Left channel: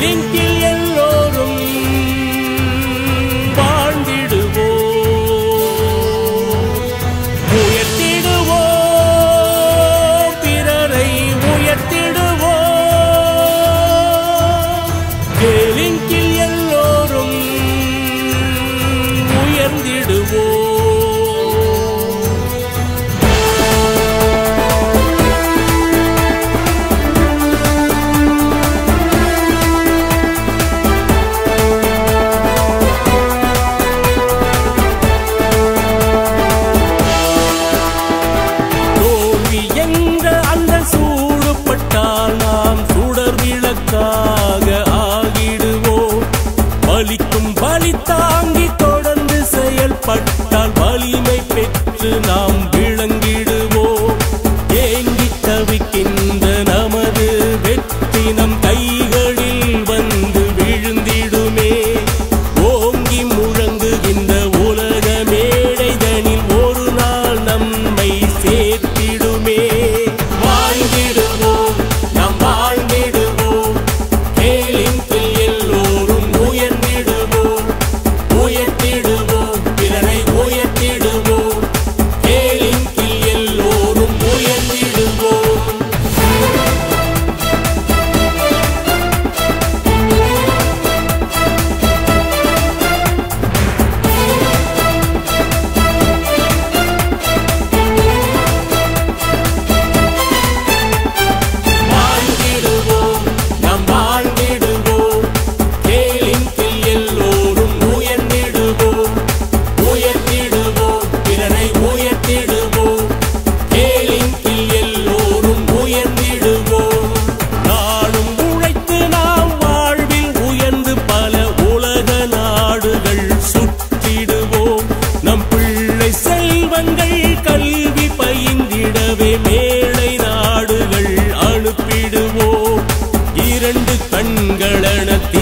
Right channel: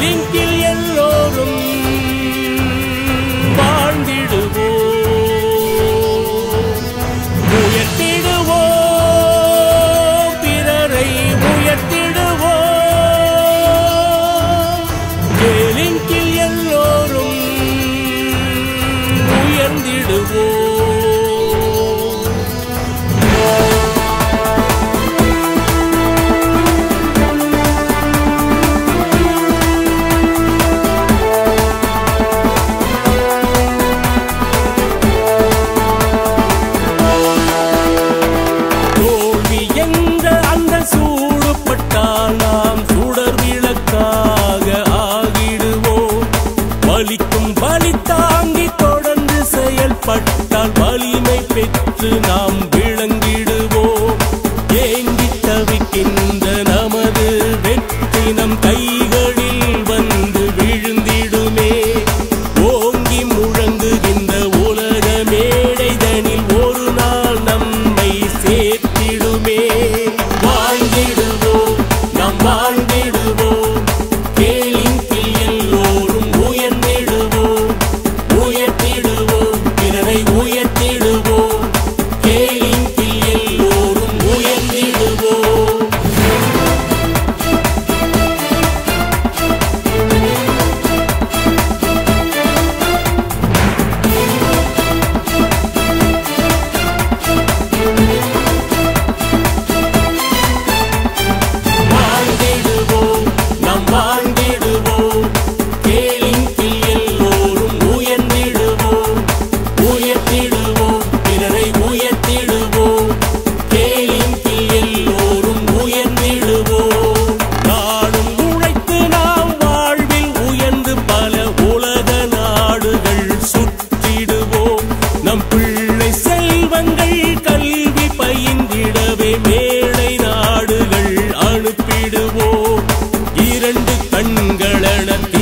லிங்கில் எல்லோரும் வாழ்ந்திடுவோ உயர்த்திடுவோ பிறரை உயர்த்திடுவோ கேலிங்கில் எல்லோரும் உயர்ந்திடுவோ சூடுபட்டால் நாம் சுடர் விளக்காக ஆகிடுவோம். வலிக்கும் வலி தாங்கி தொடர்ந்து செயல்பட்டால் வலிமை பெற்று நாம் விளங்கிடுவோம். ஏங்கி தவிக்கின்ற நமது வெற்றி நம்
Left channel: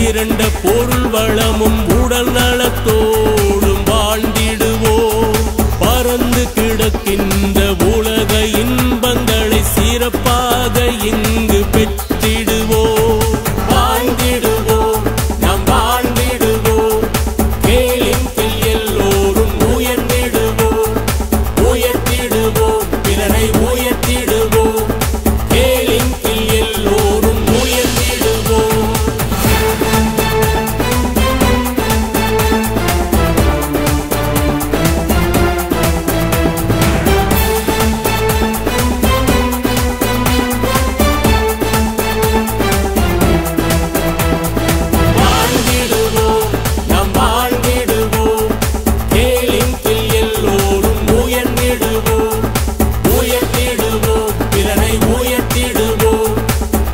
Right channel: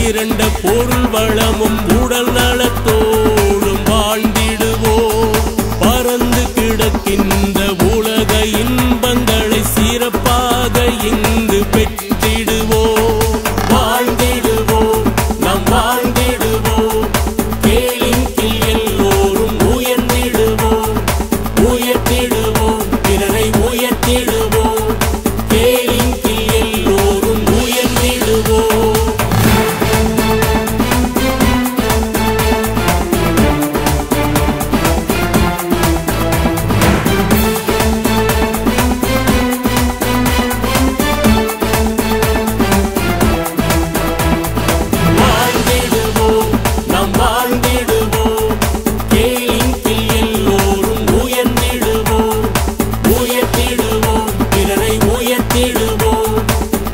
திரண்ட பொருள் வளமும் உடல் நலத்தோடும் வாழ்ந்திட பறந்து கிடக்கின்ற உலக இன்பங்களை சிறப்பாக இங்கு பெற்றிடுவோ. வாழ்ந்திடுவோம் நாம் வாழ்ந்திடுவோம். கேளின் எல்லோரும் உயர்ந்திடுவோம். உயர்த்திடுவோம் பிறரை உயர்த்திடுவோம். உயர்த்திடுவோம்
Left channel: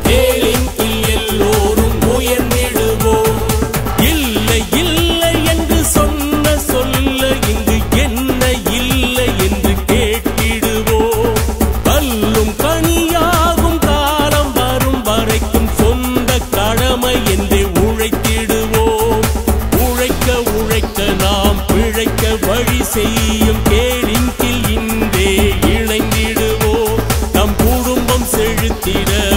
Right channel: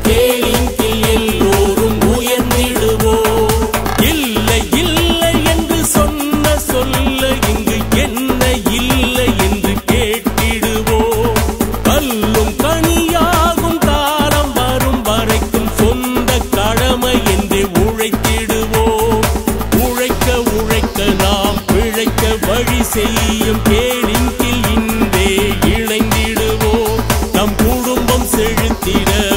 கேளின் எல்லோரும் உயர்ந்திடுவோம் இல்லை இல்லை என்று சொன்ன சொல்ல இங்கு என்ன இல்லை என்று கேட்டிடுவோம் கல்லும் கனியாகும் காலம் வரும் வரைக்கும் சொந்த கடமை என்றே உழைத்திடுவோம் உழைக்க உழைக்க நாம் பிழைக்க வழி செய்யும் கேளிங்கில் இன்றே இணைந்திடுவோம். நம்